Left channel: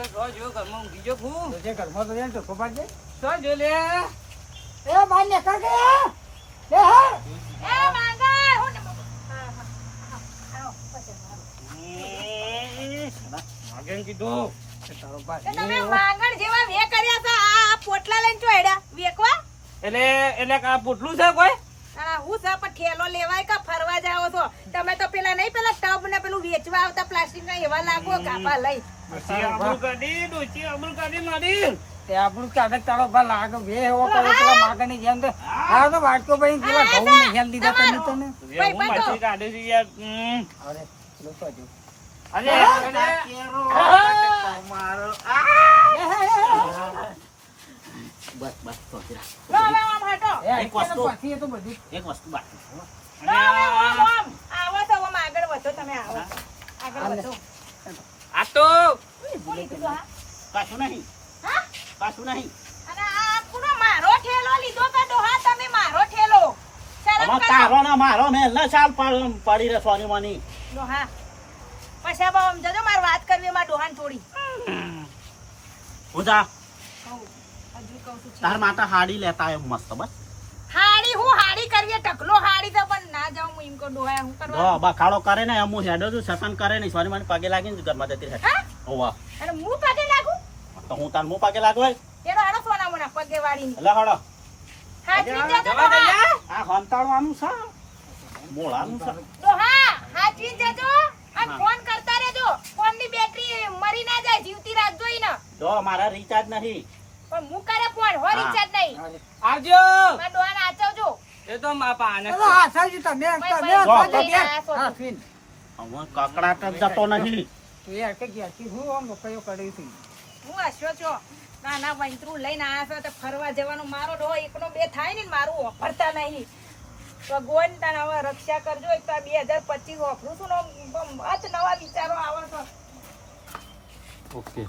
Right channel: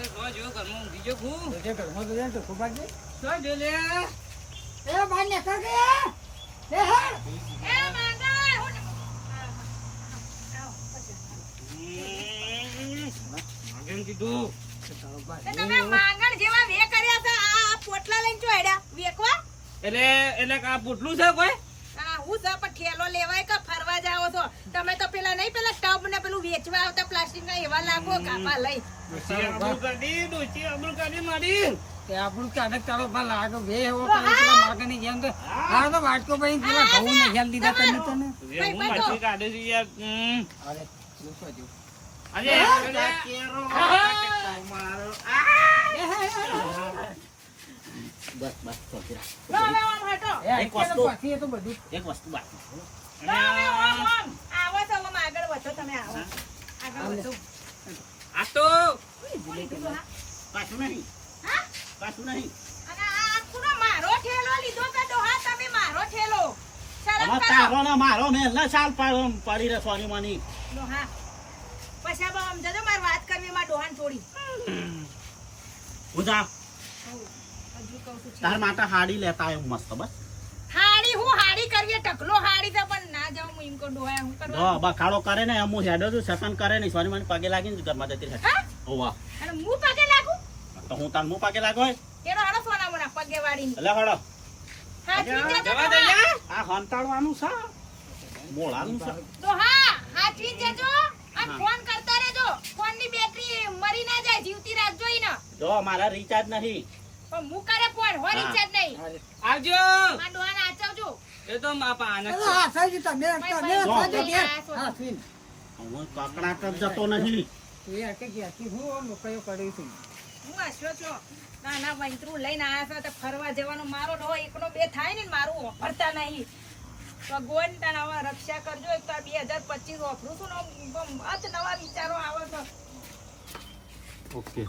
કે સો જો ઘરમાં બીજો હું જે ઘરમાં તો જાય તો ખોપાટ જાય. સો જો લે એ બાર નીકળ કે લે હા એ માંગણ હું માગેન કીધું તારો બા તમે માંગણ જેવા વે કર્યા છે આ પોટલા લઈને ચોડ્યા વેકવા એટલે આ પોટલું છે કોઈ હું છે પણ ઠેલો લેવાય કે ફરવા જાવ તો તમે તો પેલા નહીં પેલા ટબ ને પેલું વેચવા આવતા પ્લાસ્ટિક ના એવા લાગો કાપા લઈ ડોશી આબરૂ કાઢી મારી તે આપણું કાઢે તારો બા લાગે બે એવો કરે પેલા માગણની જેમ તો હા તો વાટકો ભાઈ પેલા ઘઉં ને હેલ દીધા તને તને હું માછી કાઢે છે યાર અરે લો તો જો અરે બસ બસ થોડી રાખ. લો હવે આમ હટો એ એક વસ્તુ. પછી એ તો બધું એક વસ્તુ બાકી છે. લો હવે આમ આવો તો આમ આગળ વધો તમે આવો આગળ વધો આ તો કોની કીધું હા પાછું નહીં હા પાછું નહીં. અને આ પૂરો મારો ઠેલો લીધો કે તો હા તમે મારો ઠેલો શરમ આમાં કરો તારો ને મારો મેં ના ચાલ પડી રહે સોની મની. ડોહા પછી બાબા સમજો મારે વાત કરવી એમાં ડોહાન થોડી હું જા હજુ કહું છું તાર માટે હાડી લેતા આવ્યો મસ્ત બસ. હાડી હું હાડી કરવી ઢકલો હાડી તો પણ ના જાઉં હું એમ કહું ડોહા હું જો કરવા બખાડો કરે ને એમ હું હેડો છું સસન કરે નહીં સોની મની પગે લાગીને ઘરમાં જતી રહે. હા હોવા અને હું પગે લાગુ તો હું તાર મું પગે લાગો એનો હેડો સોના મોના પગે વાળીને એટલે હડો હાચવી જજો જવા દે ડોહા. યાર આ હંતાળવાનું છે મોળાનું છે. ડોહા હાચવી જજો અને હા. ફોન કરતા રહેજો ફોન ની બેટરી મરી ના જાય જીવતી રાખજો ઈ ને જો મારા રિચાર્જ નહીં. પણ હું કરે ફોન હો હા. રિચાર્જ નહીં આવજો મારા ડોહાને આચવજો એ તો મા પાને અરે હા સાજી તમે ભાઈ, તમે ભાઈ, સાજી ભાઈ, ગયા ભાઈ, હા ફીન હવે કકડાટ જ જતો નહીં. તું યાર કે જ્યાંથી હું આમ કયો કરી છું હું હસ્યો છો નાના વંતરું લઈને આયા છો તો ફરવા જવાનો મારો ડોહો એકનો બે થાય ને મારું વાપરતા નહીં ભગવાન તારા હવે રક્ષા કરજો એક તો આ 2025 વાપરું છું ને આમ મત નવા વિચારો આવે છે ઓકે